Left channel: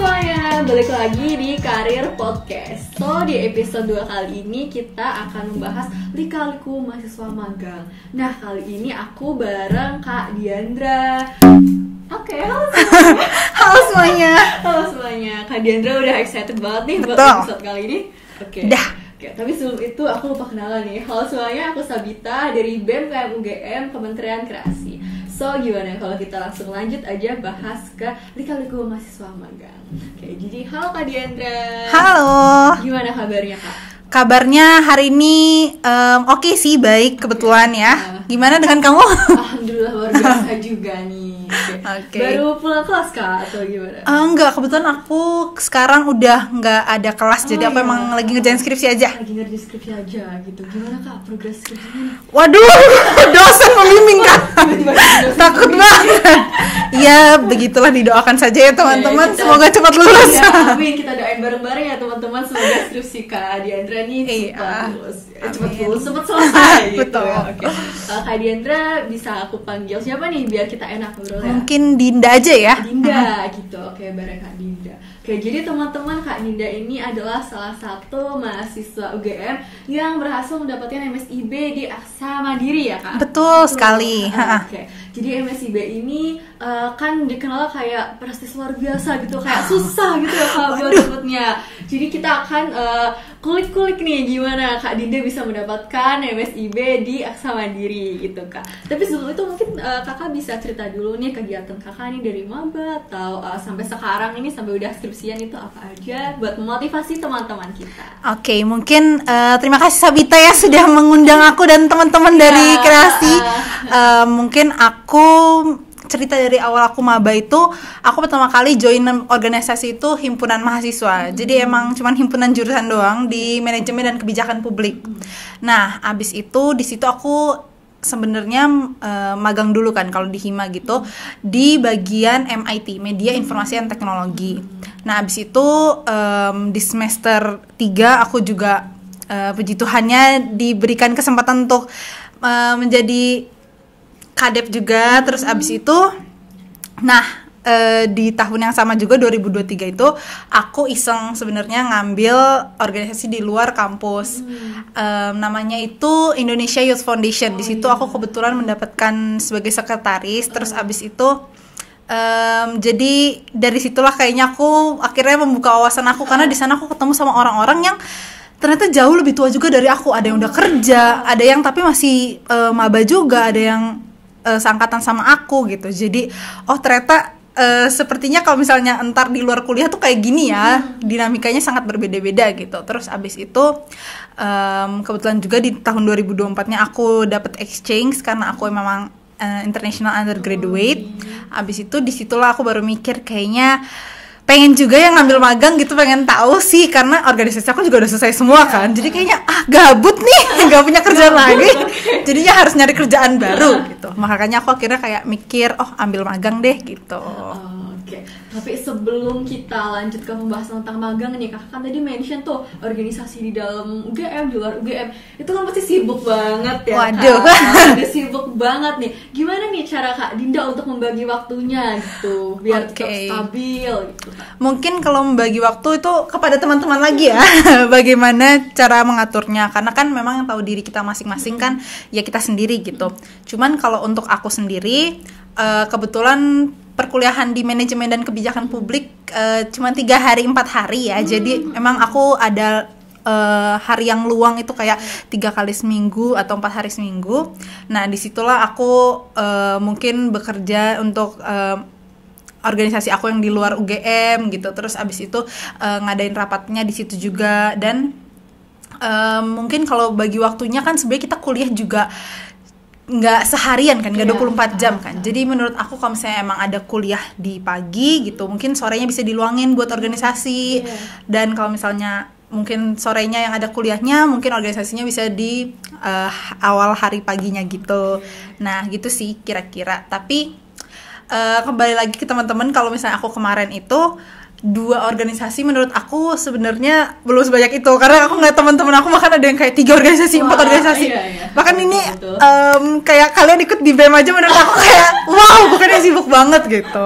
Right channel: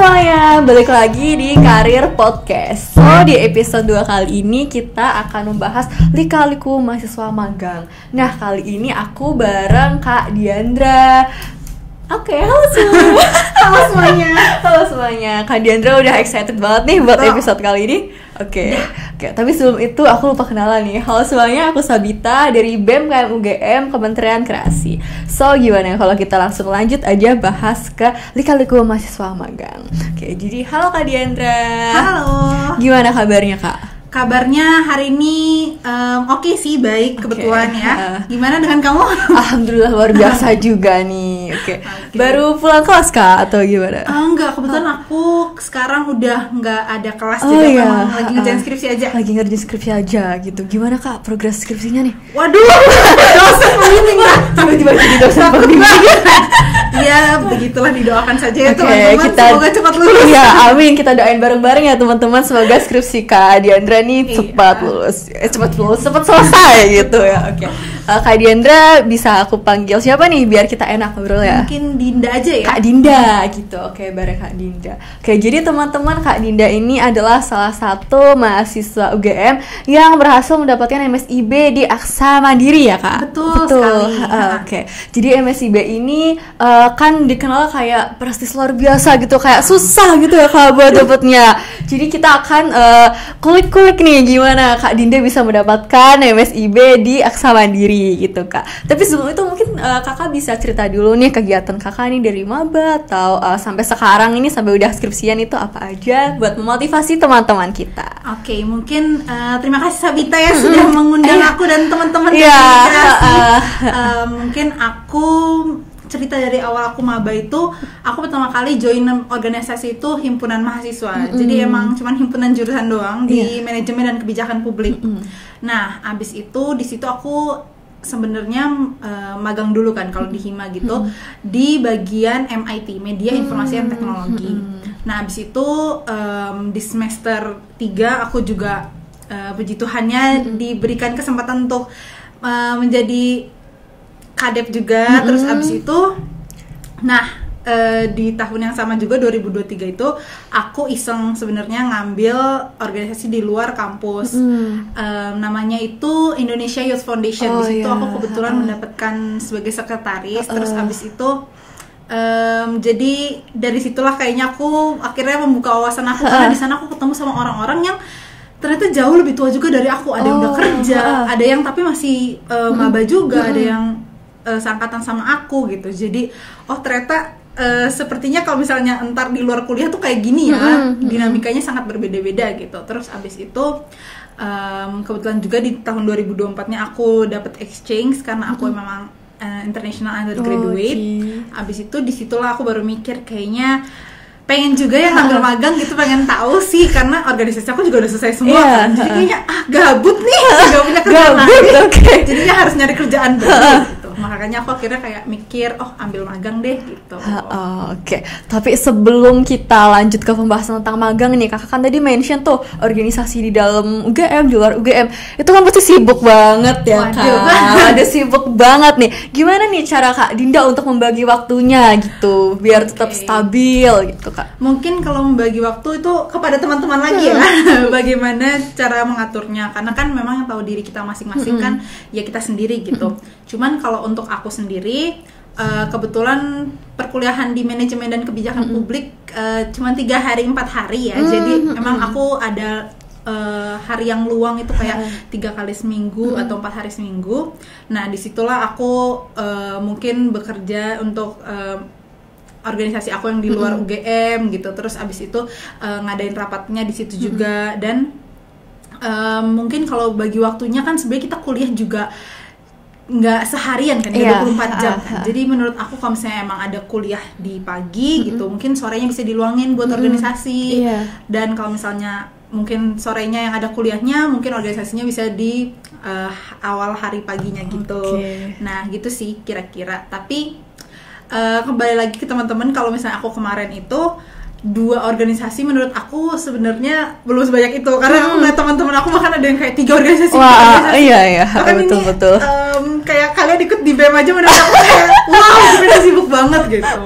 semuanya, balik lagi di Karir Podcast. So, di episode 2 kali ini kita akan membahas lika-liku mahasiswa magang. Nah, kali ini aku bareng Kak Diandra. Oke, halo semuanya. Halo semuanya. Halo semuanya. Kak Diandra udah excited banget nih buat episode kali ini. Oke, tapi sebelum itu aku lupa kenalan nih. Halo semuanya, aku Sabita dari BEM KM UGM Kementerian Kreasi. So, gimana kalau kita langsung lanjut aja bahas ke lika-liku mahasiswa magang. Oke, jadi halo Kak Diandra. Halo. Gimana kabarnya Kak? Kabarnya hari ini oke sih, baik kebetulan ya. Gimana dengan kamu? Alhamdulillah luar biasa juga nih. Oke. Baru pulang kelas Kak atau gimana? Enggak, kebetulan aku sekarang udah nggak ada kelas, jadi aku memang lagi ngerjain skripsi aja. Lagi ngerjain skripsi aja gitu. Gimana Kak progres skripsinya nih? Waduh, dosen pembimbing Kak. Tiba-tiba jadi dosen Takut pembimbing. banget. Ya, begitulah, didoakan saja ya teman-teman. Semoga cepat lulus. Ya, amin. Kita doain bareng-bareng ya teman-teman. Semoga skripsi Kak Diandra nih cepat lulus. Cepat selesai gitu ya. Oke. Kak Diandra bisa aku panggil siapa nih biar kita enak ngobrol ya? Mungkin Dinda aja ya. Kak Dinda gitu. Oke, bareng Kak Dinda. Oke, jadi teman-teman, Kak Dinda ini adalah salah satu mahasiswa UGM yang berhasil mendapatkan MSIB di Aksa Mandiri ya, Kak? Betul sekali. Oke. Jadi MSIB ini kan dikenal kayak prestis luar biasa gitu, kayak susah gitu ya Kak buat dapetnya. Jadi kita akan kulik-kulik nih gimana Kak Dinda bisa mendapatkan MSIB di Aksa Mandiri gitu Kak. Tapi sebelum itu mungkin Kakak bisa cerita dulu nih kegiatan Kakak nih dari maba atau sampai sekarang ini sampai udah skripsian itu apa aja buat memotivasi teman-teman kita. Oke, mungkin terima kasih Sabita ya sudah mengundang aku dan teman-teman dari Kreasi. Mungkin aku cerita dari awal aku maba itu, aku pertama kali join organisasi itu himpunan mahasiswa. Jadi emang cuman himpunan jurusan doang di manajemen dan kebijakan publik. Nah, abis itu di situ aku sebenarnya magang dulu kan kalau di Hima gitu, di bagian MIT, Media Informasi dan Teknologi. Nah, abis itu di semester 3 aku juga puji Tuhannya diberikan kesempatan untuk menjadi kadep juga. Terus abis itu di tahun yang sama juga 2023 itu aku iseng sebenarnya ngambil organisasi di luar kampus. Namanya itu Indonesia Youth Foundation. Di situ aku kebetulan mendapatkan sebagai sekretaris. Terus abis itu jadi dari situlah kayaknya aku akhirnya membuka wawasan aku, karena di sana aku ketemu sama orang-orang yang ternyata jauh lebih tua juga dari aku. Ada yang udah kerja, ada yang tapi masih maba juga, ada yang seangkatan sama aku gitu. Jadi ternyata sepertinya kalau misalnya entar di luar kuliah tuh kayak gini ya, dinamikanya sangat berbeda-beda gitu. Terus abis itu kebetulan juga di tahun 2024-nya aku dapet exchange karena aku memang international undergraduate. Abis itu disitulah aku baru mikir kayaknya pengen juga yang ngambil magang gitu, pengen tahu sih karena organisasi aku juga udah selesai semua kan. Jadi kayaknya gabut nih, gak punya kerjaan lagi. Jadinya harus nyari kerjaan baru gitu. Makanya aku akhirnya kayak mikir, ambil magang deh gitu. Oke. Tapi sebelum kita lanjut ke pembahasan tentang magang nih, Kakak kan tadi mention tuh organisasi di dalam UGM, di luar UGM. Itu kan pasti sibuk banget ya. Kak. Ada sibuk banget nih. Gimana nih cara Kak Dinda untuk membagi waktunya gitu biar tetap stabil gitu Kak? Mungkin kalau membagi waktu itu kepada teman-teman lagi ya. Bagaimana cara mengaturnya, karena kan memang yang tahu diri kita masing-masing kan ya kita sendiri gitu. Cuman kalau untuk aku sendiri kebetulan perkuliahan di manajemen dan kebijakan publik cuma 3 hari 4 hari ya. Jadi memang aku ada hari yang luang itu kayak 3 kali seminggu atau 4 hari seminggu. Nah, disitulah aku mungkin bekerja untuk organisasi aku yang di luar UGM gitu. Terus abis itu ngadain rapatnya di situ juga. Dan mungkin kalau bagi waktunya kan sebenarnya kita kuliah juga nggak seharian kan, 24 jam kan. Jadi menurut aku kalau misalnya emang ada kuliah di pagi gitu, mungkin sorenya bisa diluangin buat organisasi. Dan kalau misalnya mungkin sorenya yang ada kuliahnya, mungkin organisasinya bisa di awal hari paginya gitu. Nah gitu sih kira-kira. Tapi kembali lagi ke teman-teman, kalau misalnya aku kemarin itu 2 organisasi menurut aku sebenarnya belum sebanyak itu, karena aku ngeliat teman-teman aku bahkan ada yang kayak 3 organisasi, 4 organisasi. Iya, bahkan betul, ini betul. Kayak kalian ikut di BEM aja menurut aku kayak wow, bukannya sibuk banget gitu.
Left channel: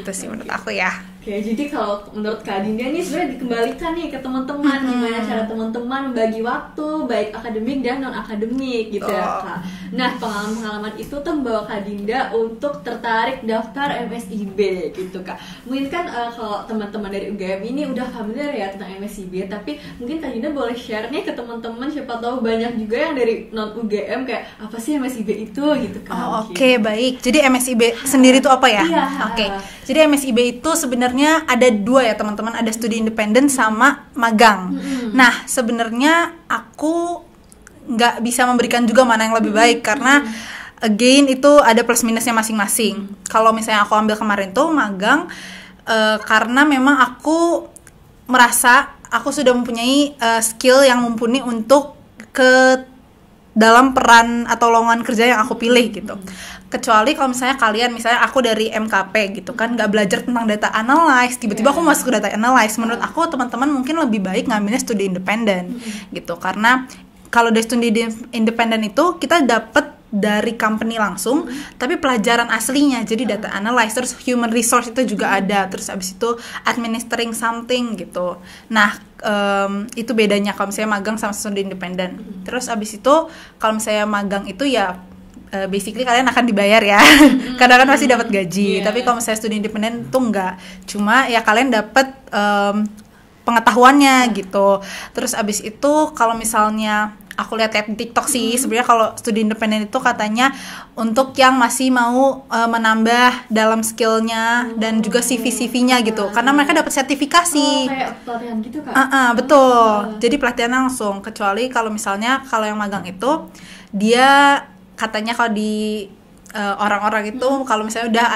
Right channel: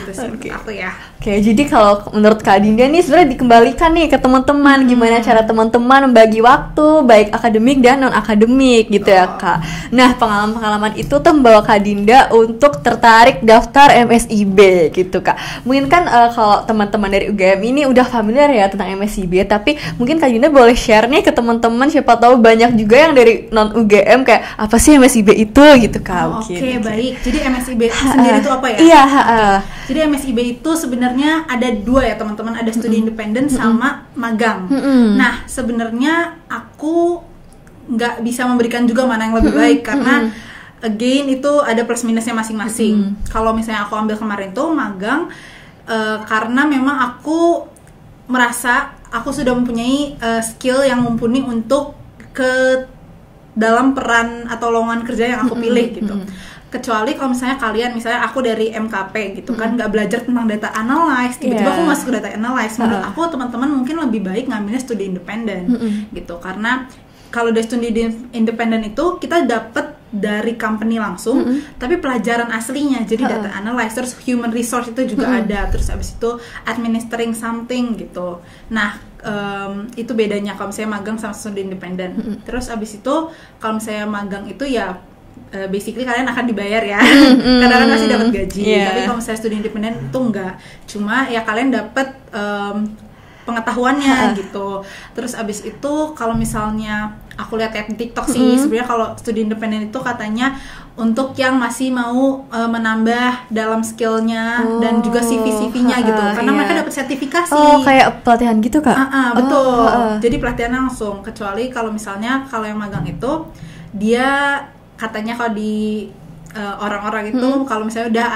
Gitu sih menurut aku ya. Oke, jadi kalau menurut Kak Dinda nih sebenarnya dikembalikan nih ke teman-teman, gimana cara teman-teman membagi waktu baik akademik dan non akademik gitu ya Kak. Nah, pengalaman-pengalaman itu tuh membawa Kak Dinda untuk tertarik daftar MSIB gitu Kak. Mungkin kan kalau teman-teman dari UGM ini udah familiar ya tentang MSIB, tapi mungkin Kak Dinda boleh share nih ke teman-teman, siapa tahu banyak juga yang dari non UGM kayak apa sih MSIB itu gitu Kak. Oke, baik. Jadi MSIB sendiri itu apa ya? Iya, Jadi MSIB itu sebenarnya ada dua ya teman-teman, ada studi independen sama magang. Nah sebenarnya aku nggak bisa memberikan juga mana yang lebih baik karena again itu ada plus minusnya masing-masing. Kalau misalnya aku ambil kemarin tuh magang karena memang aku merasa aku sudah mempunyai skill yang mumpuni untuk ke dalam peran atau lowongan kerja yang aku pilih gitu. Kecuali kalau misalnya kalian, misalnya aku dari MKP gitu kan, nggak belajar tentang data analyze, tiba-tiba aku masuk ke data analyze. Menurut aku teman-teman mungkin lebih baik ngambilnya studi independen gitu, karena kalau dari studi independen itu kita dapat dari company langsung, tapi pelajaran aslinya jadi data analyze, terus human resource itu juga ada, terus abis itu administering something gitu. Nah itu bedanya kalau misalnya magang sama studi independen. Terus abis itu kalau misalnya magang itu ya basically kalian akan dibayar ya, karena kan masih dapat gaji. Tapi kalau misalnya studi independen tuh enggak, cuma ya kalian dapat pengetahuannya gitu. Terus abis itu kalau misalnya aku lihat di TikTok sih, sebenarnya kalau studi independen itu katanya untuk yang masih mau menambah dalam skillnya dan juga CV-CV-nya gitu, karena mereka dapat sertifikasi. Oh, kayak pelatihan gitu Kak? Betul. Jadi pelatihan langsung. Kecuali kalau misalnya kalau yang magang itu dia katanya kalau di orang-orang itu kalau misalnya udah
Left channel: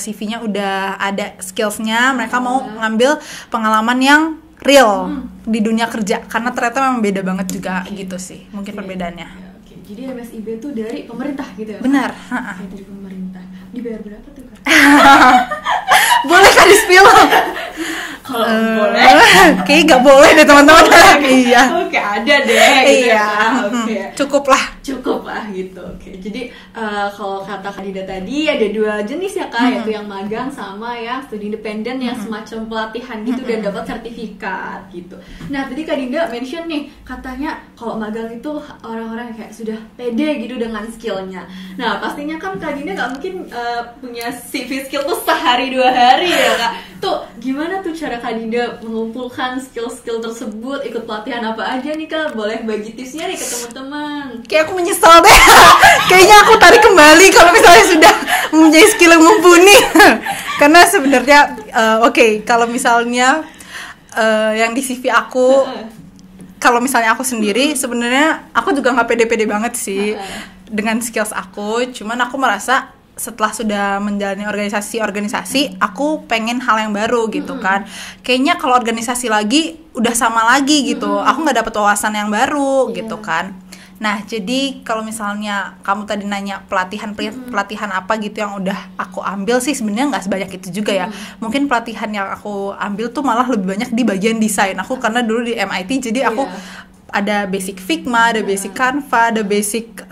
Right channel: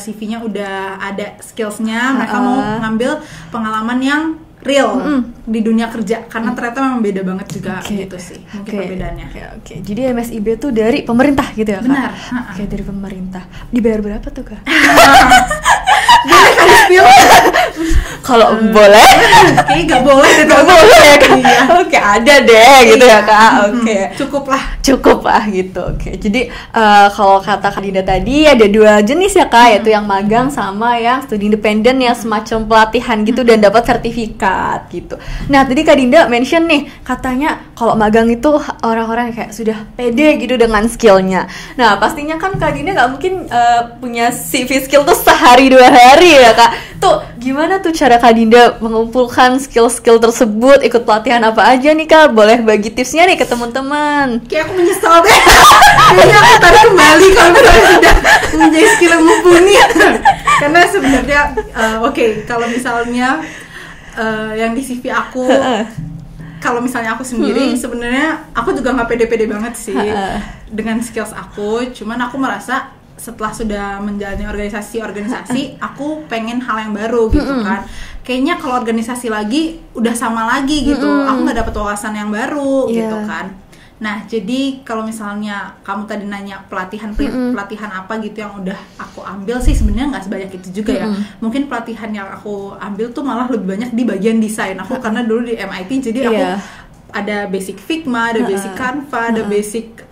CV-nya udah ada skillsnya, mereka mau ngambil pengalaman yang real di dunia kerja, karena ternyata memang beda banget juga gitu sih mungkin perbedaannya. Oke. Jadi MSIB tuh dari pemerintah gitu ya Kak? Benar. Oke, dari pemerintah. Dibayar berapa tuh Kak? Boleh kan di-spill? Kalau boleh, kayaknya nggak boleh deh teman-teman. Iya. Oke, ada deh gitu ya Kak. Oke. Cukup lah gitu. Oke. Jadi kalau kata Kak Dinda tadi ada dua jenis ya Kak, yaitu yang magang sama yang studi independen yang semacam pelatihan gitu dan dapat sertifikat gitu. Nah, tadi Kak Dinda mention nih, katanya kalau magang itu orang-orang kayak sudah pede gitu dengan skillnya. Nah, pastinya kan Kak Dinda nggak mungkin punya CV skill tuh sehari 2 hari ya Kak. Tuh, gimana tuh cara Kak Dinda mengumpulkan skill-skill tersebut, ikut pelatihan apa aja nih Kak? Boleh bagi tipsnya nih ke teman-teman. Kayak aku menyesal deh. Kayaknya aku tarik kembali kalau misalnya sudah mempunyai skill yang mumpuni. Karena sebenarnya kalau misalnya yang di CV aku, kalau misalnya aku sendiri sebenarnya aku juga nggak pede-pede banget sih dengan skills aku. Cuman aku merasa setelah sudah menjalani organisasi aku pengen hal yang baru gitu kan. Kayaknya kalau organisasi lagi udah sama lagi gitu, aku nggak dapet wawasan yang baru gitu kan. Nah, jadi kalau misalnya kamu tadi nanya pelatihan apa gitu yang udah aku ambil sih, sebenarnya nggak sebanyak itu juga ya. Mungkin pelatihan yang aku ambil tuh malah lebih banyak di bagian desain. Aku karena dulu di MIT, jadi aku ada basic Figma, ada basic Canva, ada basic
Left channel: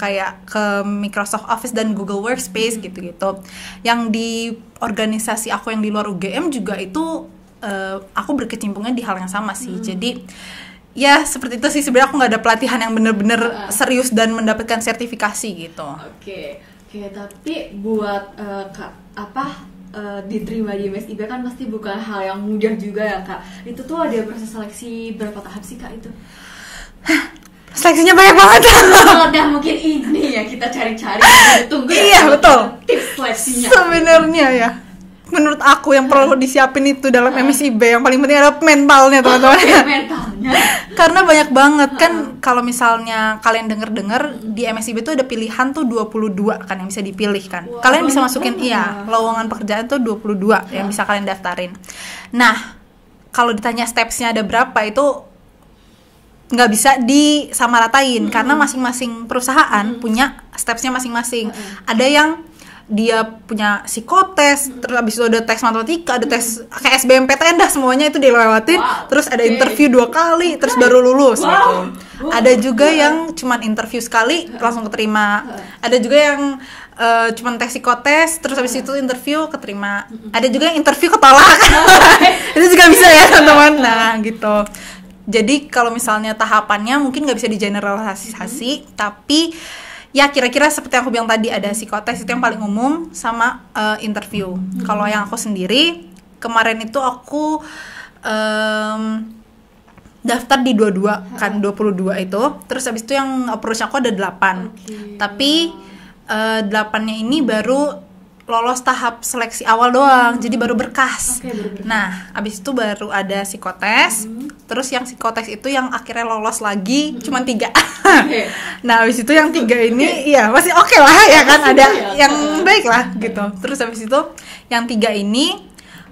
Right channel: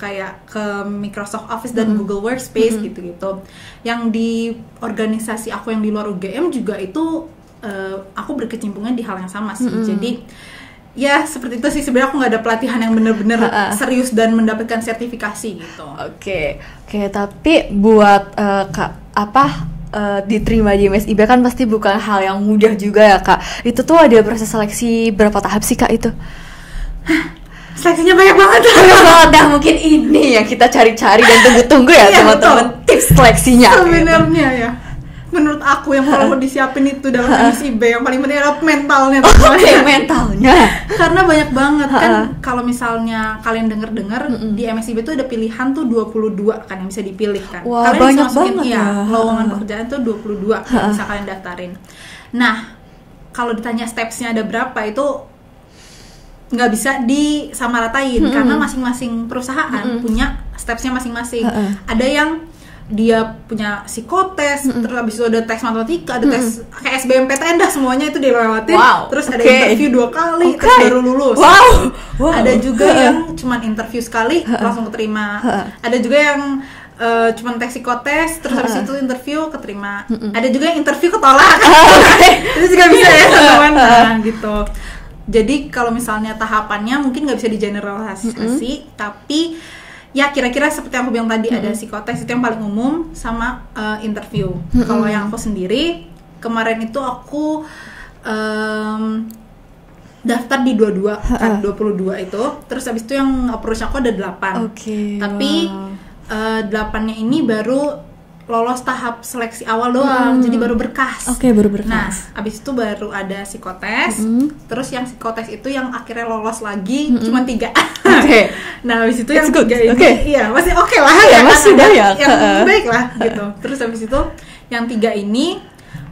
kayak ke Microsoft Office dan Google Workspace gitu-gitu. Yang di organisasi aku yang di luar UGM juga itu aku berkecimpungnya di hal yang sama sih. Jadi ya seperti itu sih, sebenarnya aku nggak ada pelatihan yang bener-bener serius dan mendapatkan sertifikasi gitu. Oke, tapi buat diterima di MSIB kan pasti bukan hal yang mudah juga ya Kak. Itu tuh ada proses seleksi berapa tahap sih Kak itu? Seleksinya banyak banget. Nah, mungkin ini yang kita cari-cari dan tunggu-tunggu ya teman-teman, tips seleksinya. Sebenarnya ya, menurut aku yang perlu disiapin itu dalam MSIB yang paling penting adalah mentalnya teman-teman. Mentalnya. Karena banyak banget kan, kalau misalnya kalian dengar di MSIB itu ada pilihan tuh 22 kan yang bisa dipilih kan. Wah, kalian bisa masukin lowongan pekerjaan tuh 22 yang bisa kalian daftarin. Nah, kalau ditanya stepsnya ada berapa itu nggak bisa disamaratain karena masing-masing perusahaan punya stepsnya masing-masing. Ada yang dia punya psikotes, terus abis itu ada tes matematika, ada tes kayak SBMPTN dah, semuanya itu dilewatin. Terus ada interview 2 kali, terus baru lulus. Ada juga yang cuman interview sekali langsung keterima. Ada juga yang cuman tes psikotes, terus habis itu interview keterima. Ada juga yang interview ketolak. Itu juga bisa ya teman-teman. Nah gitu. Jadi kalau misalnya tahapannya mungkin nggak bisa digeneralisasi, tapi ya kira-kira seperti yang aku bilang tadi, ada psikotes itu yang paling umum sama interview. Kalau yang aku sendiri kemarin itu aku daftar di 22 kan, 22 itu. Terus habis itu yang approach aku ada 8. Tapi 8-nya ini baru lolos tahap seleksi awal doang, jadi baru berkas. Baru berkas. Nah, abis itu baru ada psikotes. Terus yang psikotes itu yang akhirnya lolos lagi cuma 3. Nah, abis itu yang 3 ini, iya masih oke lah ya kan, ada yang baik lah gitu. Terus abis itu yang 3 ini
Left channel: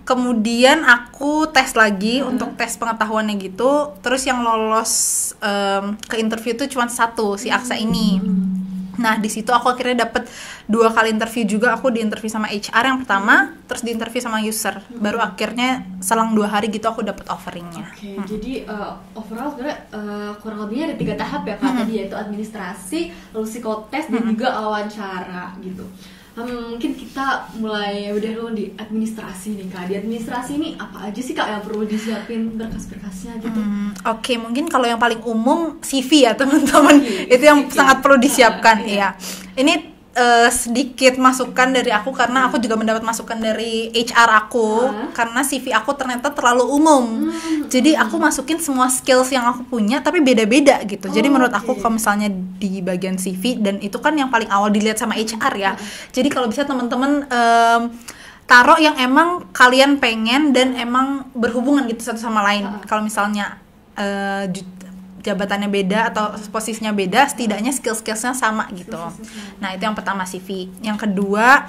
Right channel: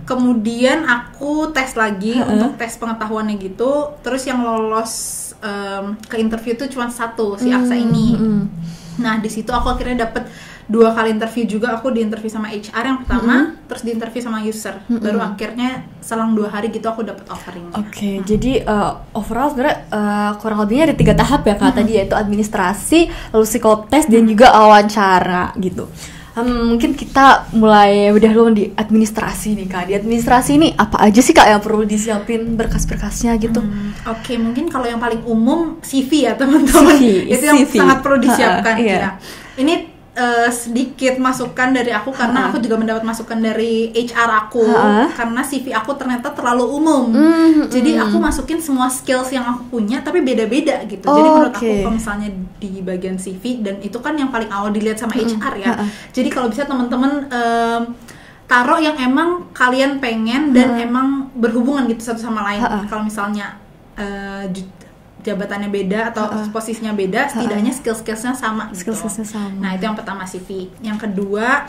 kemudian aku tes lagi untuk tes pengetahuannya gitu. Terus yang lolos ke interview itu cuma 1, si Aksa ini. Nah, di situ aku akhirnya dapet 2 kali interview juga. Aku diinterview sama HR yang pertama, terus diinterview sama user. Baru akhirnya selang 2 hari gitu aku dapet offeringnya. Jadi overall sebenarnya kurang lebihnya ada 3 tahap ya Kak tadi, yaitu administrasi, lalu psikotes, dan juga wawancara gitu. Mungkin kita mulai udah dulu di administrasi nih Kak. Di administrasi ini apa aja sih Kak yang perlu disiapin berkas-berkasnya gitu? Mungkin kalau yang paling umum CV ya teman-teman. Itu yang sangat perlu disiapkan ya. Ini sedikit masukan dari aku karena aku juga mendapat masukan dari HR aku karena CV aku ternyata terlalu umum. Jadi aku masukin semua skills yang aku punya tapi beda-beda gitu. Jadi menurut aku kalau misalnya di bagian CV, dan itu kan yang paling awal dilihat sama HR ya. Jadi kalau bisa teman-teman taruh yang emang kalian pengen dan emang berhubungan gitu satu sama lain. Kalau misalnya jabatannya beda atau posisinya beda, setidaknya skill-skillsnya sama gitu. Nah, itu yang pertama CV. Yang kedua,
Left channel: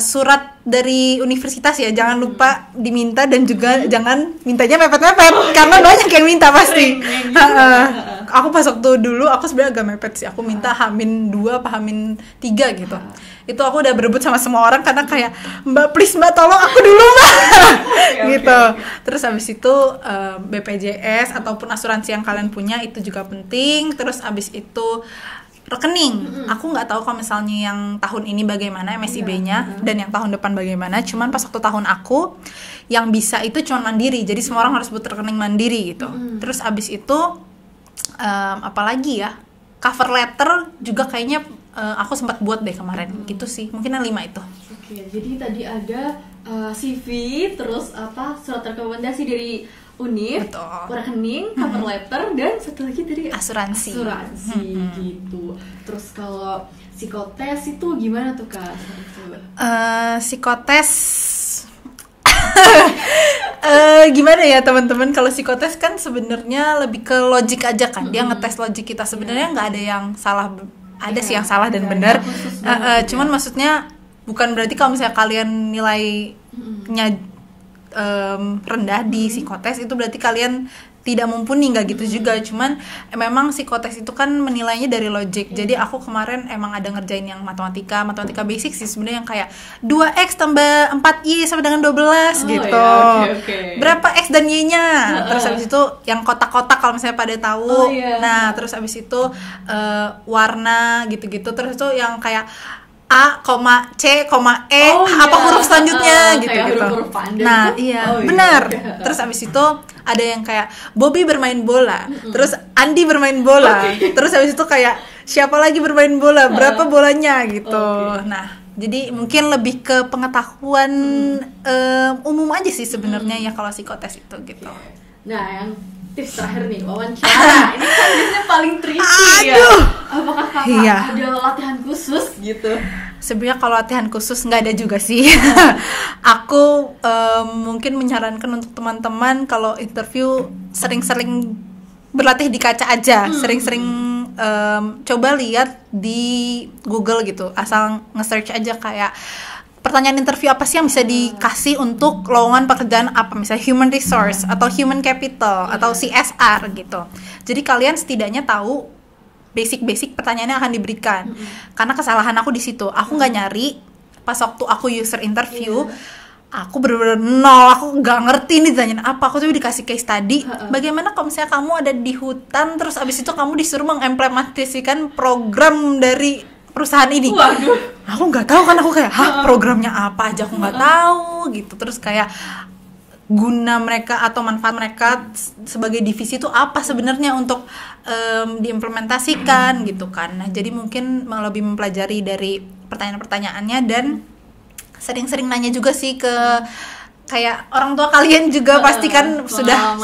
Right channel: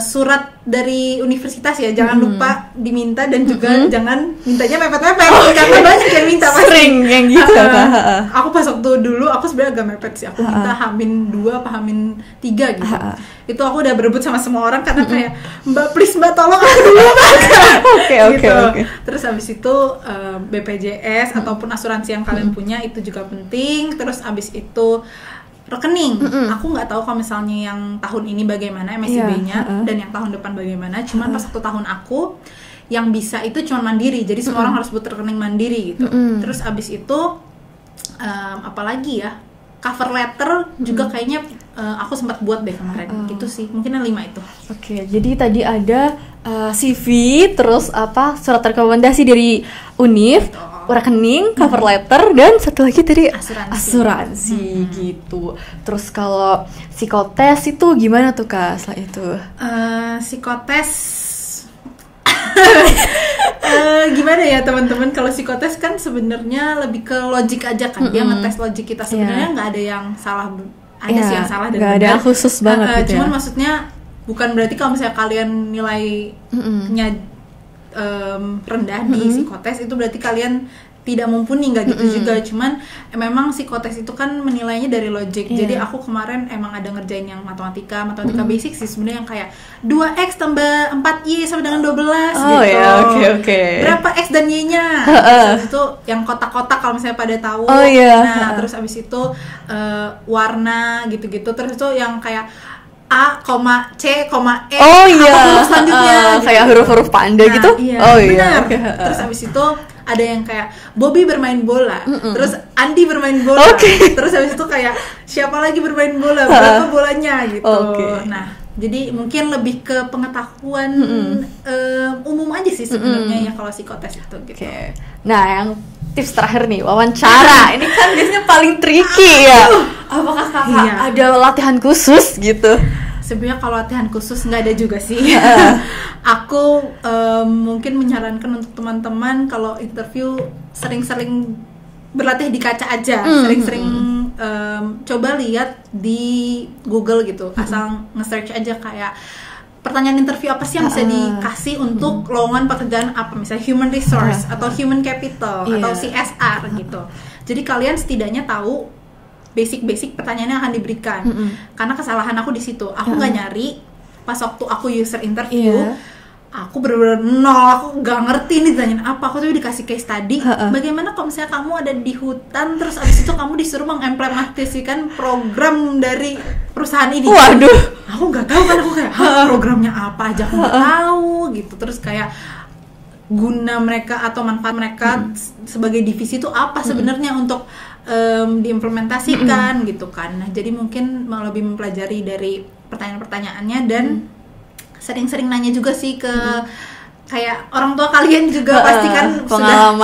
surat dari universitas ya, jangan lupa diminta, dan juga jangan mintanya mepet-mepet karena banyak yang minta pasti. Sering yang gitu. Aku pas waktu dulu aku sebenarnya agak mepet sih. Aku minta H-2 apa H-3 gitu. Itu aku udah berebut sama semua orang karena kayak, Mbak please Mbak tolong aku dulu gitu. Terus habis itu BPJS ataupun asuransi yang kalian punya itu juga penting. Terus habis itu rekening. Aku nggak tahu kalau misalnya yang tahun ini bagaimana MSIB-nya dan yang tahun depan bagaimana. Cuman pas waktu tahun aku yang bisa itu cuma mandiri. Jadi semua orang harus buat rekening mandiri gitu. Terus abis itu apalagi ya, cover letter juga kayaknya aku sempat buat deh kemarin. Gitu sih. Mungkin yang 5 itu. Jadi tadi ada CV, terus surat rekomendasi dari Univ, rekening, cover letter, dan satu lagi tadi asuransi gitu. Terus kalau psikotes itu gimana tuh Kak setelah itu? Psikotes gimana ya teman-teman, kalau psikotes kan sebenarnya lebih ke logik aja kan. Dia ngetes logik kita, sebenarnya nggak ada yang salah, ada sih yang salah dan benar. Ada khusus banget gitu. Cuman maksudnya bukan berarti kalau misalnya kalian nilainya rendah di psikotes itu berarti kalian tidak mumpuni, nggak gitu juga. Cuman memang psikotes itu kan menilainya dari logik. Jadi aku kemarin emang ada ngerjain yang matematika basic sih sebenarnya, yang kayak 2x tambah 4y sama dengan 12 gitu. Berapa x dan y-nya? Terus habis itu yang kotak-kotak kalau misalnya pada tahu. Nah, terus habis itu warna gitu-gitu. Terus itu yang kayak A, C, E, apa huruf selanjutnya gitu. Kayak huruf-huruf panda gitu? Benar. Terus abis itu ada yang kayak Bobby bermain bola, terus Andi bermain bola, terus abis itu kayak siapa lagi bermain bola, berapa bolanya gitu. Nah, jadi mungkin lebih ke pengetahuan umum aja sih sebenarnya ya kalau psikotes itu gitu. Nah, yang tips terakhir nih, wawancara. Ini kan biasanya paling tricky ya. Apakah Kakak ada latihan khusus gitu? Sebenarnya kalau latihan khusus nggak ada juga sih. Aku mungkin menyarankan untuk teman-teman kalau interview sering-sering berlatih di kaca aja, sering-sering coba lihat di Google gitu, asal nge-search aja kayak pertanyaan interview apa sih yang bisa dikasih untuk lowongan pekerjaan apa, misalnya human resource atau human capital atau CSR gitu. Jadi kalian setidaknya tahu basic pertanyaan yang akan diberikan. Karena kesalahan aku di situ, aku nggak nyari pas waktu aku user interview. Aku bener-bener nol, aku nggak ngerti nih ditanyain apa. Aku tuh dikasih case study, bagaimana kalau misalnya kamu ada di hutan, terus abis itu kamu disuruh mengimplementasikan program dari perusahaan ini. Waduh. Aku nggak tahu kan, aku kayak programnya apa aja aku nggak tahu gitu. Terus kayak guna mereka atau manfaat mereka sebagai divisi itu apa sebenarnya untuk diimplementasikan gitu kan. Nah, jadi mungkin lebih mempelajari dari pertanyaan-pertanyaannya dan sering-sering nanya juga sih ke kayak orang tua kalian juga pasti kan sudah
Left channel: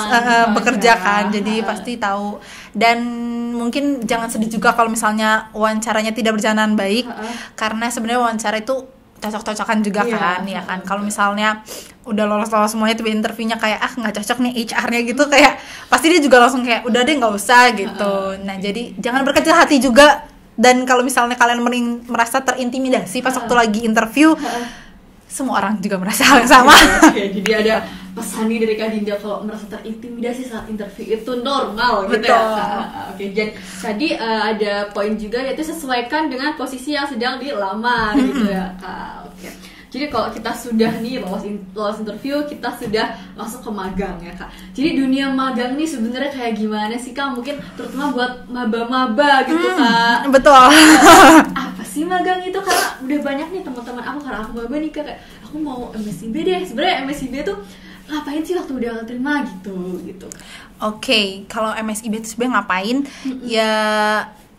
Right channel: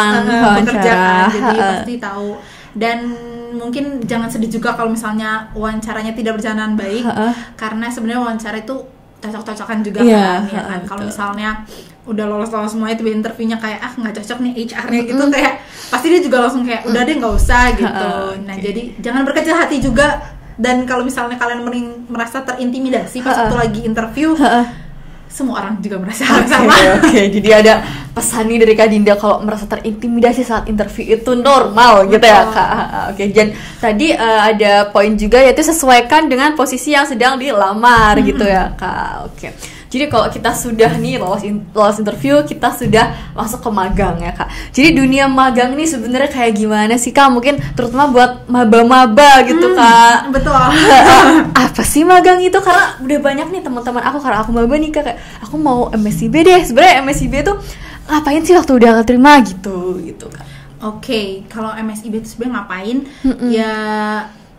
bekerja kan, jadi pasti tahu. Dan mungkin jangan sedih juga kalau misalnya wawancaranya tidak berjalan baik, karena sebenarnya wawancara itu cocok-cocokan juga kan, ya kan. Kalau misalnya udah lolos semuanya tiba interviewnya kayak nggak cocok nih HR-nya gitu, kayak pasti dia juga langsung kayak udah deh nggak usah gitu. Nah, jadi jangan berkecil hati juga. Dan kalau misalnya kalian merasa terintimidasi pas waktu lagi interview, semua orang juga merasa hal yang sama. Oke. Jadi ada pesan nih dari Kak Dinda, kalau merasa terintimidasi saat interview itu normal. Betul. Gitu ya Kak. Oke. Dan tadi ada poin juga, yaitu sesuaikan dengan posisi yang sedang dilamar gitu ya Kak. Oke. Jadi kalau kita sudah nih lolos interview, kita sudah masuk ke magang ya Kak. Jadi dunia magang nih sebenarnya kayak gimana sih Kak? Mungkin terutama buat maba-maba gitu Kak. Betul. Apa sih magang itu? Karena udah banyak nih teman-teman aku, karena aku maba nih Kak, kayak aku mau MSIB deh. Sebenarnya MSIB tuh ngapain sih waktu udah keterima gitu Kak? Oke, kalau MSIB itu sebenarnya ngapain? Ya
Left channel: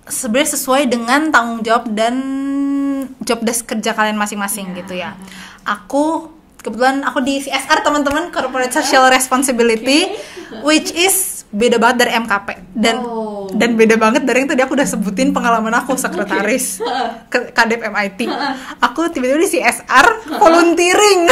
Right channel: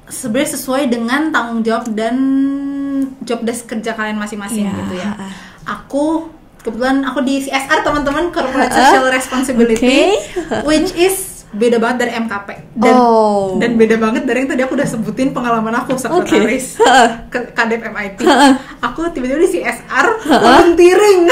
sebenarnya sesuai dengan tanggung jawab dan job desk kerja kalian masing-masing gitu ya. Aku kebetulan di CSR teman-teman, Corporate Social Responsibility, which is beda banget dari MKP dan beda banget dari yang tadi aku udah sebutin pengalaman aku sekretaris Kadep MIT. Aku tiba-tiba di CSR volunteering.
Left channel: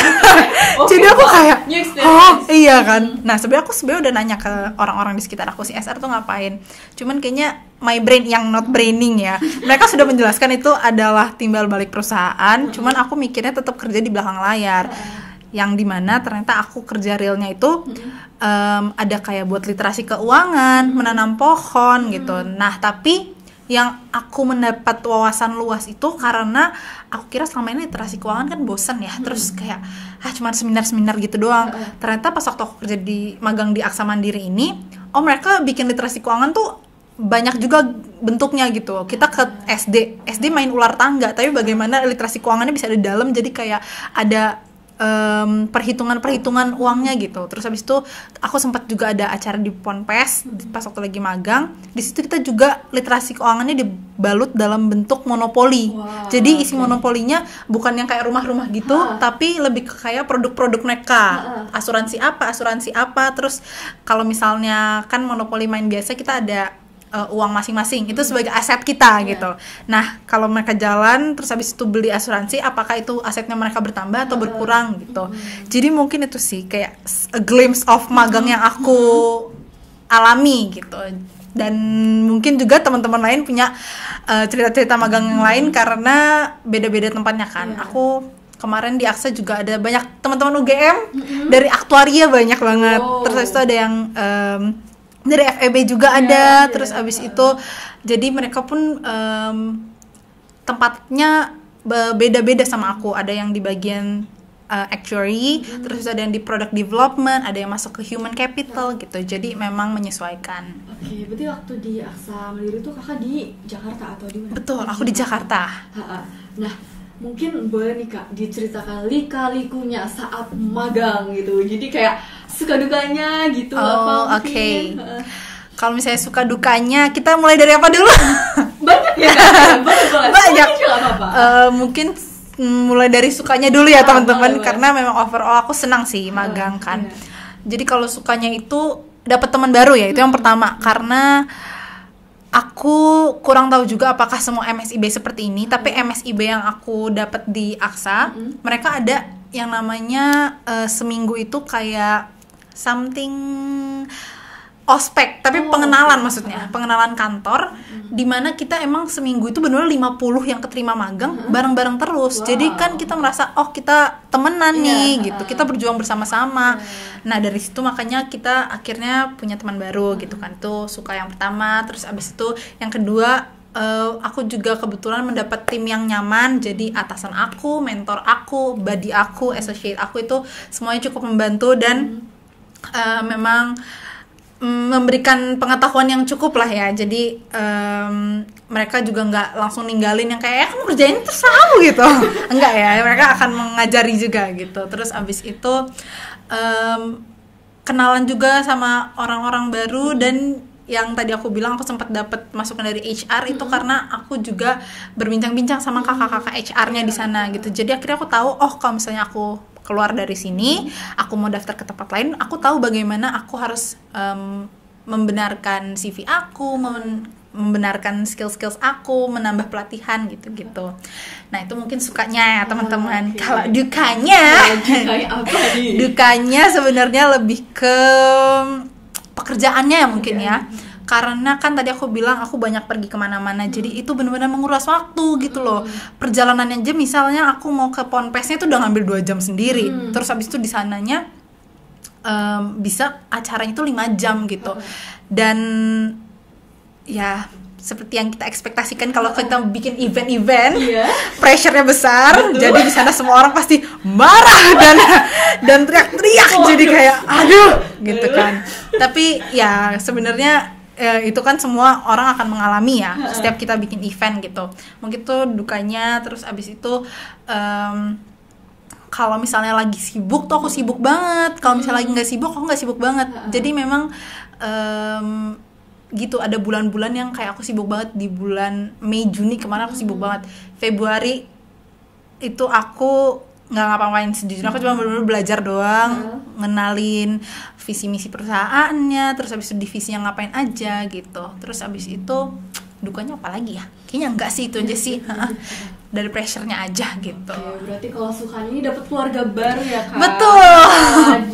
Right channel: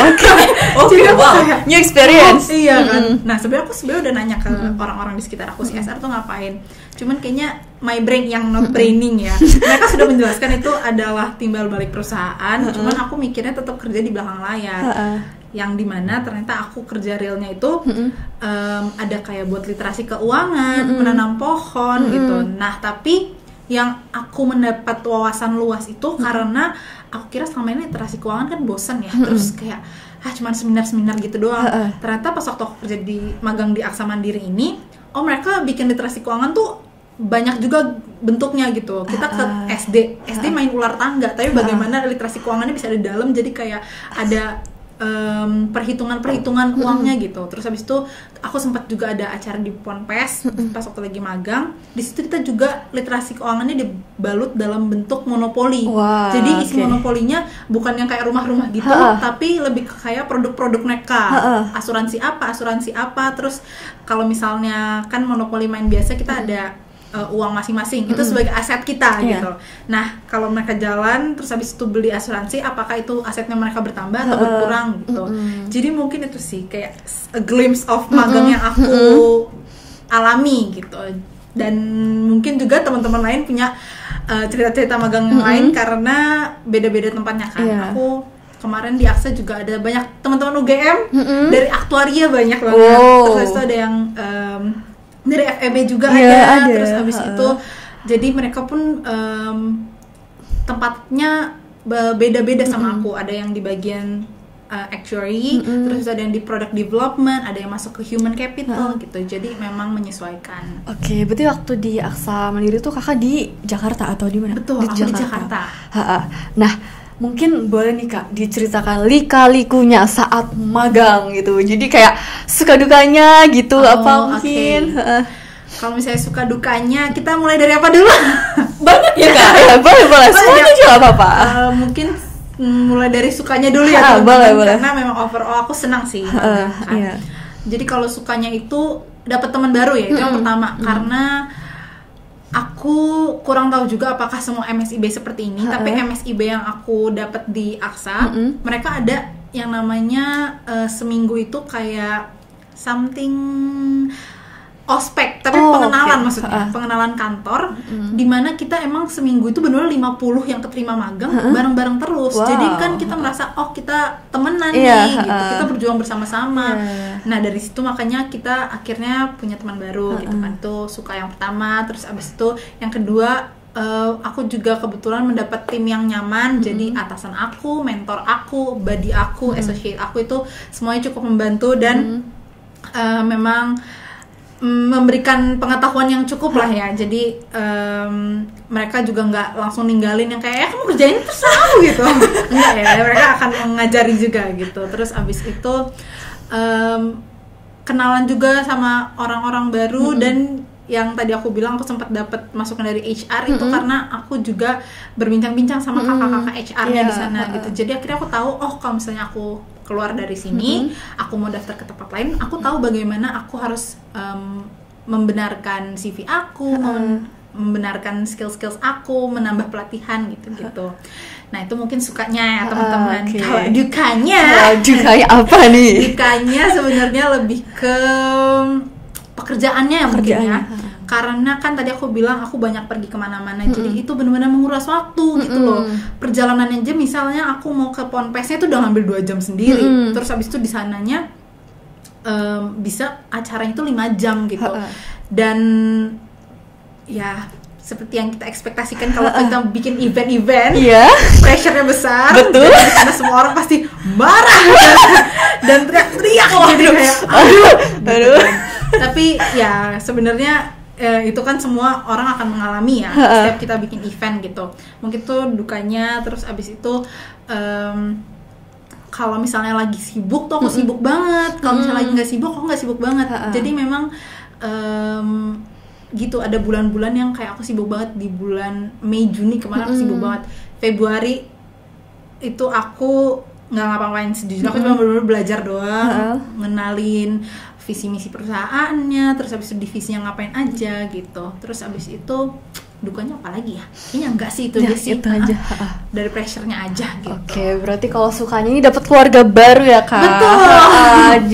Jadi aku kayak new experience. Iya kan. Nah, sebenarnya aku udah nanya ke orang-orang di sekitar aku CSR tuh ngapain. Cuman kayaknya my brain yang not braining ya. Mereka sudah menjelaskan itu adalah timbal balik perusahaan. Cuman aku mikirnya tetap kerja di belakang layar. Yang dimana ternyata aku kerja realnya itu ada kayak buat literasi keuangan, menanam pohon gitu. Nah, tapi yang aku mendapat wawasan luas itu karena aku kira selama ini literasi keuangan kan bosan ya, terus kayak cuma seminar-seminar gitu doang. Ternyata pas waktu aku kerja di magang di Aksa Mandiri ini, mereka bikin literasi keuangan tuh banyak juga bentuknya gitu. Kita ke SD main ular tangga, tapi bagaimana literasi keuangannya bisa ada dalam, jadi kayak ada perhitungan uangnya gitu. Terus habis itu aku sempat juga ada acara di Ponpes pas waktu lagi magang. Di situ kita juga literasi keuangannya dibalut dalam bentuk monopoli. Jadi isi monopolinya bukan yang kayak rumah-rumah gitu, tapi lebih ke kayak produk-produk mereka. Asuransi apa. Terus kalau misalnya kan monopoli main biasa kita ada uang masing-masing, itu sebagai aset kita gitu. Nah, kalau mereka jalan terus habis itu beli asuransi, apakah itu asetnya mereka bertambah atau berkurang gitu. Jadi mungkin itu sih kayak a glimpse of magang yang aku alami gitu. Dan mungkin juga teman-teman lain punya cerita-cerita magang yang lain karena beda-beda tempatnya kan. Aku kemarin di Aksa juga ada banyak teman-teman UGM dari aktuaria banyak banget. Terus itu ada yang dari FEB juga ada. Terus habis itu jadi mereka pun tempatnya beda-beda sama aku. Ada yang di bagian actuary, terus ada yang di product development, ada yang masuk ke human capital gitu. Jadi memang menyesuaikan. Oke, berarti waktu di Aksa Mandiri tuh kakak di Jakarta atau di mana? Betul, aku di Jakarta. Nah, mungkin boleh nih Kak diceritakan lika-likunya saat magang gitu. Jadi kayak suka dukanya gitu apa mungkin? Kalau misalnya suka dukanya, kita mulai dari apa dulu? Banyak ya Kak? Boleh. Semuanya juga apa-apa. Mungkin mulai dari sukanya dulu ya teman-teman, karena memang overall aku senang sih magang kan. Jadi kalau sukanya itu dapat teman baru ya, itu yang pertama. Karena aku kurang tahu juga apakah semua MSIB seperti ini, tapi MSIB yang aku dapat di Aksa, mereka ada yang namanya seminggu itu kayak something ospek, tapi pengenalan maksudnya, pengenalan kantor, dimana kita emang seminggu itu benar 50 yang keterima magang bareng-bareng terus. Jadi kan kita merasa kita temenan nih gitu, kita berjuang bersama-sama. Nah, dari situ makanya kita akhirnya punya teman baru gitu kan. Tuh suka yang pertama. Terus abis itu yang kedua, aku juga kebetulan mendapat tim yang nyaman. Jadi atasan aku, mentor aku, buddy aku, associate aku itu semuanya cukup membantu dan memang memberikan pengetahuan yang cukup lah ya. Jadi mereka juga nggak langsung ninggalin yang kayak kamu kerjain terus tahu gitu. Enggak ya, mereka akan mengajari juga gitu. Terus abis itu kenalan juga sama orang-orang baru. Dan yang tadi aku bilang aku sempat dapat masukan dari HR itu karena aku juga berbincang-bincang sama kakak-kakak HR-nya di sana gitu. Jadi akhirnya aku tahu, oh kalau misalnya aku keluar dari sini, aku mau daftar ke tempat lain, aku tahu bagaimana aku harus membenarkan CV aku, membenarkan skill-skills aku, menambah pelatihan gitu-gitu. Nah itu mungkin sukanya ya teman-teman. Kalau dukanya, dukanya apa nih? Dukanya sebenarnya lebih ke pekerjaannya ya mungkin ya. Karena kan tadi aku bilang aku banyak pergi kemana-mana, jadi itu benar-benar menguras waktu gitu loh. Perjalanan aja misalnya aku mau ke Ponpesnya itu udah ngambil 2 jam sendiri. Terus habis itu di sananya bisa acaranya itu 5 jam gitu. Dan ya seperti yang kita ekspektasikan kalau kita bikin event-event, pressure-nya besar. Betul. Jadi di sana semua orang pasti marah dan teriak-teriak. Jadi kayak aduh. Tapi ya sebenarnya itu kan semua orang akan mengalami ya setiap kita bikin event gitu. Mungkin tuh dukanya. Terus abis itu kalau misalnya lagi sibuk tuh aku sibuk banget. Kalau misalnya lagi nggak sibuk aku nggak sibuk banget. Jadi memang gitu, ada bulan-bulan yang kayak aku sibuk banget. Di bulan Mei Juni kemarin aku sibuk banget. Februari itu aku nggak ngapa-ngapain, sejujurnya aku cuma benar-benar belajar doang, ngenalin visi misi perusahaannya, terus habis itu divisinya ngapain aja gitu. Terus habis itu dukanya apa lagi ya? Kayaknya enggak sih, itu aja sih. Dari pressure-nya aja gitu. Oke, berarti kalau sukanya ini dapat keluarga baru ya Kak? Betul.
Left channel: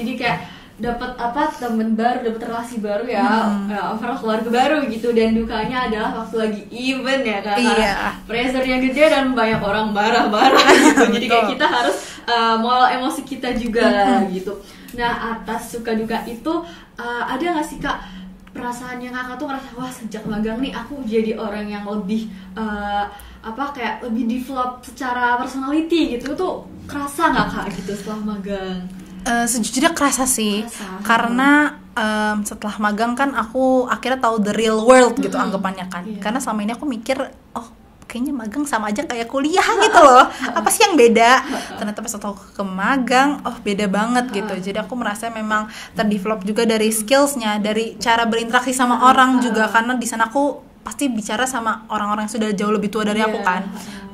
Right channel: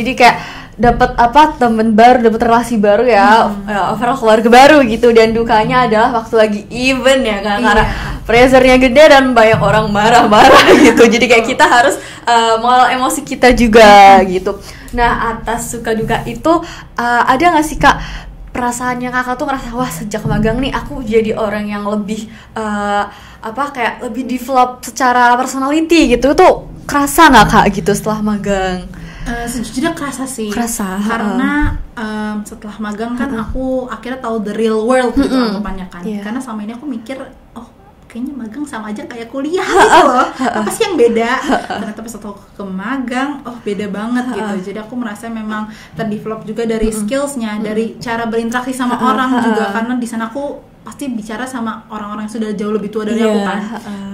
Jadi kayak dapat temen baru, dapat relasi baru ya, overall keluarga baru gitu. Dan dukanya adalah waktu lagi event ya kan, karena pressure-nya gede dan banyak orang marah-marah gitu. Jadi kayak kita harus mengelola emosi kita juga gitu. Nah, atas suka duka itu ada nggak sih Kak perasaannya Kakak tuh ngerasa wah sejak magang nih aku jadi orang yang lebih kayak lebih develop secara personality gitu, tuh kerasa nggak Kak gitu setelah magang? Sejujurnya kerasa sih, karena setelah magang kan aku akhirnya tahu the real world gitu anggapannya kan. Karena selama ini aku mikir, oh kayaknya magang sama aja kayak kuliah gitu loh, apa sih yang beda? Ternyata pas aku ke magang, oh beda banget gitu. Jadi aku merasa memang terdevelop juga dari skillsnya, dari cara berinteraksi sama orang juga, karena di sana aku pasti bicara sama orang-orang yang sudah jauh lebih tua dari aku kan,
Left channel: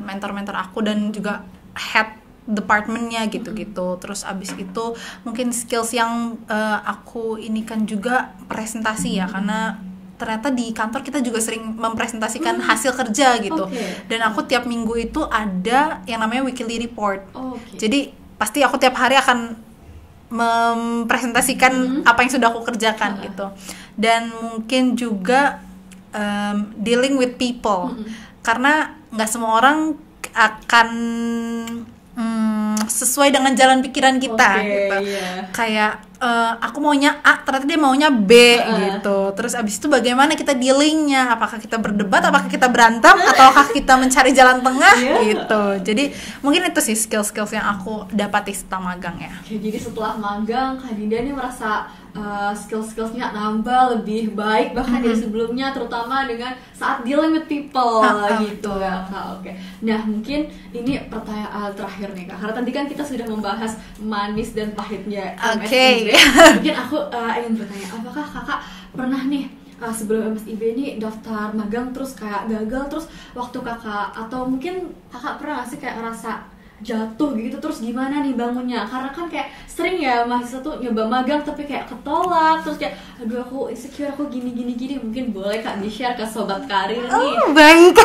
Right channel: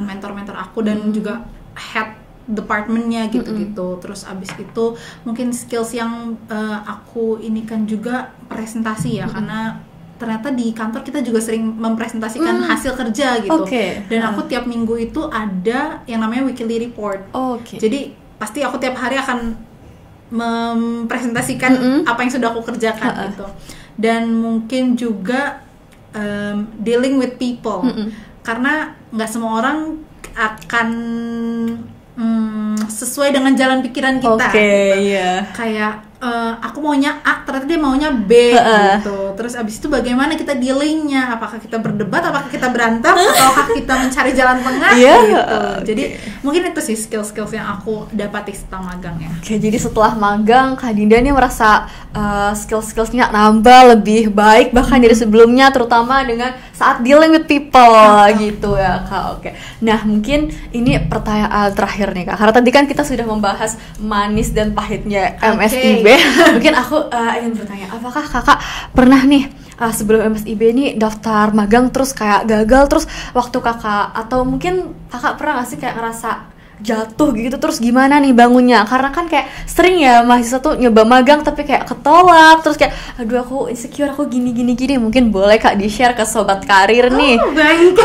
mentor-mentor aku dan juga head departmentnya gitu-gitu. Terus abis itu mungkin skills yang aku ini kan juga presentasi ya, karena ternyata di kantor kita juga sering mempresentasikan hasil kerja gitu. Dan aku tiap minggu itu ada yang namanya weekly report. Jadi pasti aku tiap hari akan mempresentasikan apa yang sudah aku kerjakan gitu. Dan mungkin juga dealing with people, karena nggak gitu. Akan sesuai dengan jalan pikiran kita kayak aku maunya A ternyata dia maunya B gitu. Terus abis itu bagaimana kita dealingnya, apakah kita berdebat, apakah kita berantem, ataukah kita mencari jalan tengah gitu. Jadi mungkin itu sih skill-skills yang aku dapati setelah magang ya. Jadi setelah magang Kak Dinda nih merasa skill-skillsnya nambah lebih baik bahkan dari sebelumnya, terutama dengan saat dealing with people gitu ya Kak. Nah mungkin ini pertanyaan terakhir nih Kak, karena tadi kan kita sudah membahas manis dan pahitnya MSIB. Mungkin aku ingin bertanya, apakah Kakak pernah nih sebelum MSIB ini daftar magang terus kayak gagal, terus waktu Kakak, atau mungkin Kakak pernah gak sih kayak ngerasa jatuh gitu, terus gimana nih bangunnya? Karena kan kayak sering ya mahasiswa tuh nyoba magang tapi kayak ketolak, terus kayak aduh aku insecure, aku gini. Mungkin boleh Kak di-share ke sobat karir nih. Baik.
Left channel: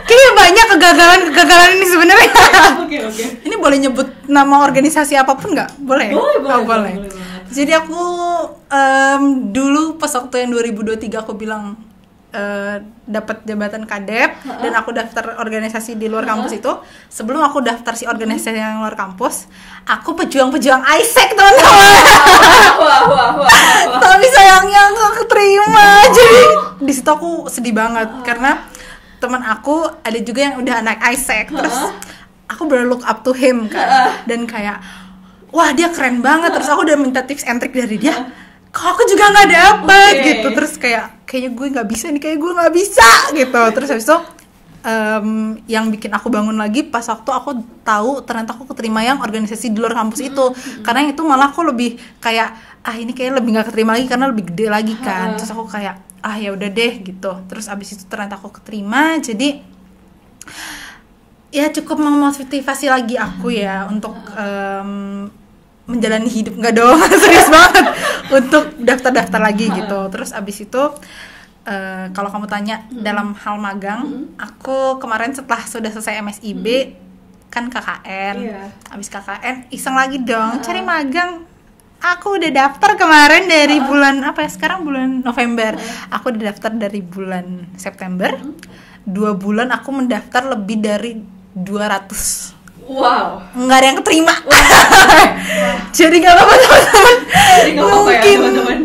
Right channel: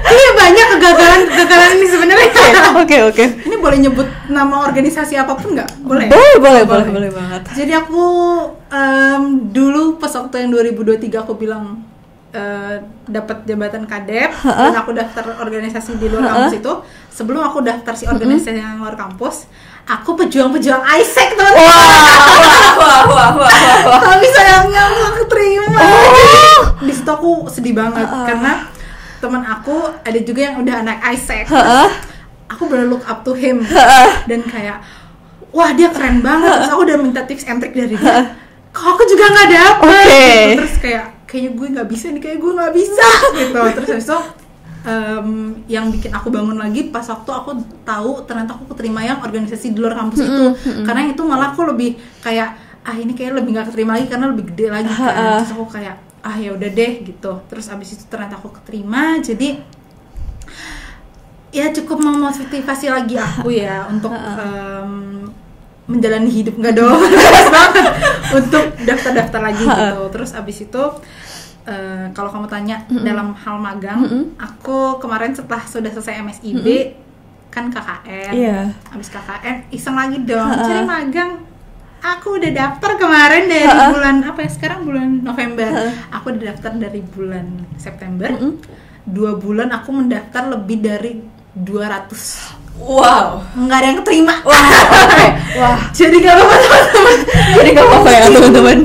Kayaknya banyak kegagalan ini sebenarnya. Oke. Ini boleh nyebut nama organisasi apapun nggak? Boleh banget. Jadi aku dulu pas waktu yang 2023 aku bilang dapat jabatan kadep dan aku daftar organisasi di luar kampus itu. Sebelum aku daftar si organisasi yang luar kampus, aku pejuang ISEC teman-teman. Wah. Tapi sayangnya aku keterima. Jadi di situ aku sedih banget karena teman aku ada juga yang udah anak ISEC. Aku bener look up to him dan kayak wah dia keren banget. Terus aku udah minta tips and trick dari dia. kok aku juga nggak dapet Oke. gitu. Terus kayaknya gue nggak bisa nih, kayak gue nggak bisa gitu. Terus habis itu yang bikin aku bangun lagi pas waktu aku tahu ternyata aku keterima yang organisasi di luar kampus itu. Karena itu malah aku lebih kayak ini kayak lebih nggak keterima lagi karena lebih gede lagi kan. Terus aku kayak ya udah deh gitu. Terus abis itu ternyata aku keterima, jadi ya cukup memotivasi lagi aku ya untuk menjalani hidup, nggak dong serius banget, untuk daftar lagi gitu. Terus abis itu kalau kamu tanya dalam hal magang, aku kemarin setelah sudah selesai MSIB kan KKN, abis KKN iseng lagi dong cari magang. Aku udah daftar kemarin dari bulan apa ya, sekarang bulan November. Aku udah daftar dari bulan September. 2 bulan aku mendaftar lebih dari 200. Wow, nggak ada yang keterima. Wah. Jadi nggak apa-apa teman-teman. Jadi nggak apa-apa ya teman-teman.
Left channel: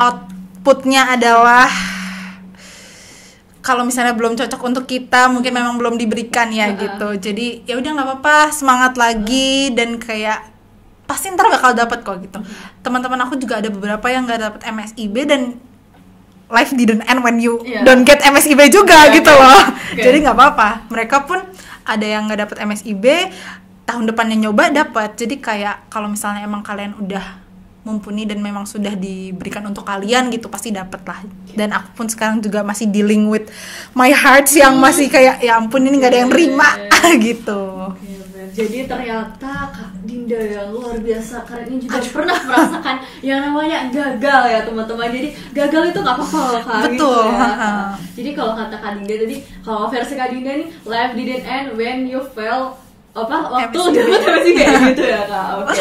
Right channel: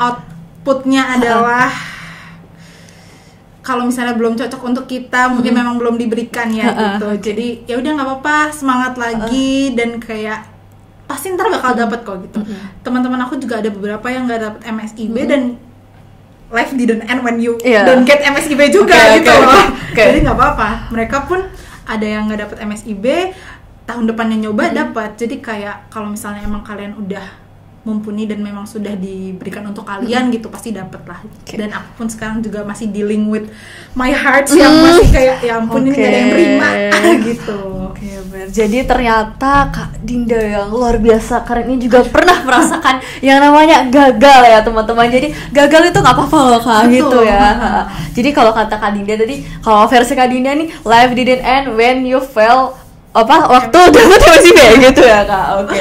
Outputnya adalah kalau misalnya belum cocok untuk kita, mungkin memang belum diberikan ya gitu. Jadi ya udah nggak apa-apa, semangat lagi dan kayak pasti ntar bakal dapat kok gitu. Teman-teman aku juga ada beberapa yang nggak dapet MSIB dan life didn't end when you don't get MSIB juga gitu loh. Jadi nggak apa-apa. Mereka pun ada yang nggak dapet MSIB, tahun depannya nyoba dapat. Jadi kayak kalau misalnya emang kalian udah mumpuni dan memang sudah diberikan untuk kalian gitu, pasti dapet lah. Dan aku pun sekarang juga masih dealing with my heart yang masih kayak ya ampun ini nggak ada yang terima gitu. Jadi ternyata Kak Dinda yang luar biasa keren ini juga pernah merasakan yang namanya gagal ya teman-teman. Jadi gagal itu nggak apa-apa loh Kak. Gitu ya. Jadi kalau kata Kak Dinda tadi, kalau versi Kak Dinda nih, life didn't end when you fail waktu dapat MSIB gitu ya Kak. Oke.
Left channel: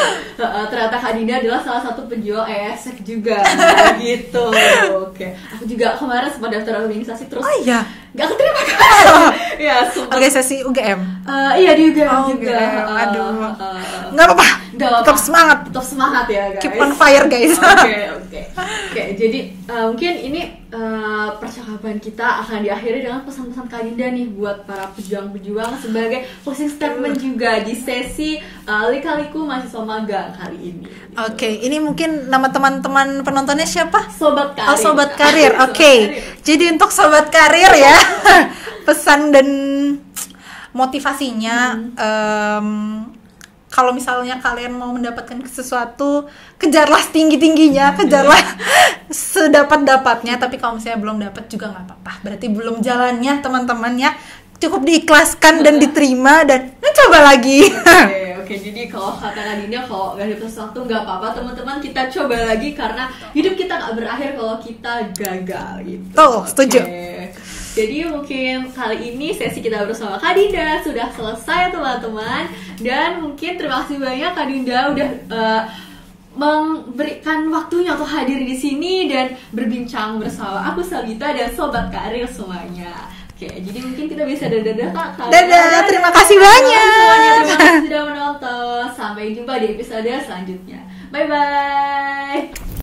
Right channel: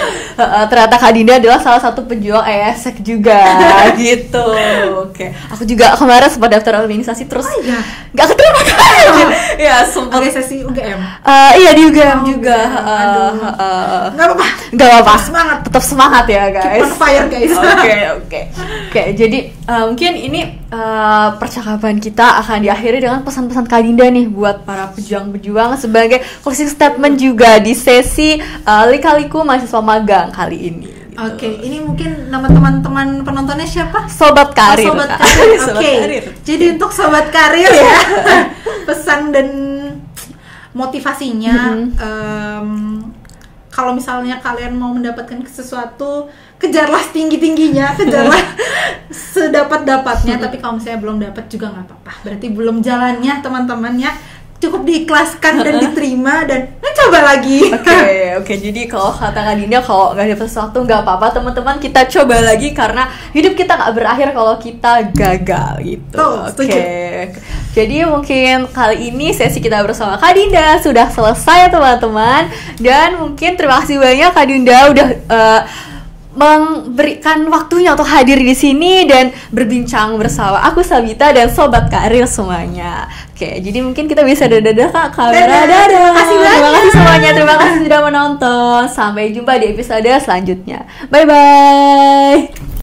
Ternyata Kak Dinda adalah salah satu pejuang ESEC juga gitu. Oke. Aku juga kemarin sempat daftar organisasi terus nggak keterima Kak. Ya sempat organisasi UGM. Iya di UGM juga. Nggak apa-apa. Tetap semangat. Tetap semangat ya guys. Keep on fire guys. Oke. Jadi mungkin ini percakapan kita akan diakhiri dengan pesan-pesan Kak Dinda nih buat para pejuang-pejuang sebagai closing statement juga di sesi Lika-Liku mahasiswa magang kali ini. Oke, ini mungkin nama teman-teman penontonnya siapa? Sobat Karir. Sobat Karir. Oke. Jadi untuk Sobat Karir ya, pesan dan motivasinya kalau misalnya kalian mau mendapatkan sesuatu, kejarlah setinggi-tingginya, kejarlah sedapat-dapatnya. Tapi kalau misalnya belum dapat juga nggak apa-apa, berarti belum jalannya teman-teman ya. Cukup diikhlaskan dan diterima dan coba lagi. Oke. Jadi kalau kata Kak Dinda, kalau nggak dapat sesuatu nggak apa-apa teman-teman, kita coba lagi karena hidup kita nggak berakhir kalau kita gagal gitu. Setuju. Jadi mungkin kali ini sesi kita bersama Kak Dinda sudah selesai teman-teman, dan mungkin terima kasih banyak Kak Dinda udah memberikan waktunya untuk hadir di sini dan berbincang bersama aku Sabita dan Sobat Karir semuanya. Oke, jadi mungkin kita bisa dadah Kak. Dadah, terima kasih banyak. Terima kasih semuanya, terima kasih sudah menonton. Sampai jumpa di episode selanjutnya. Bye bye.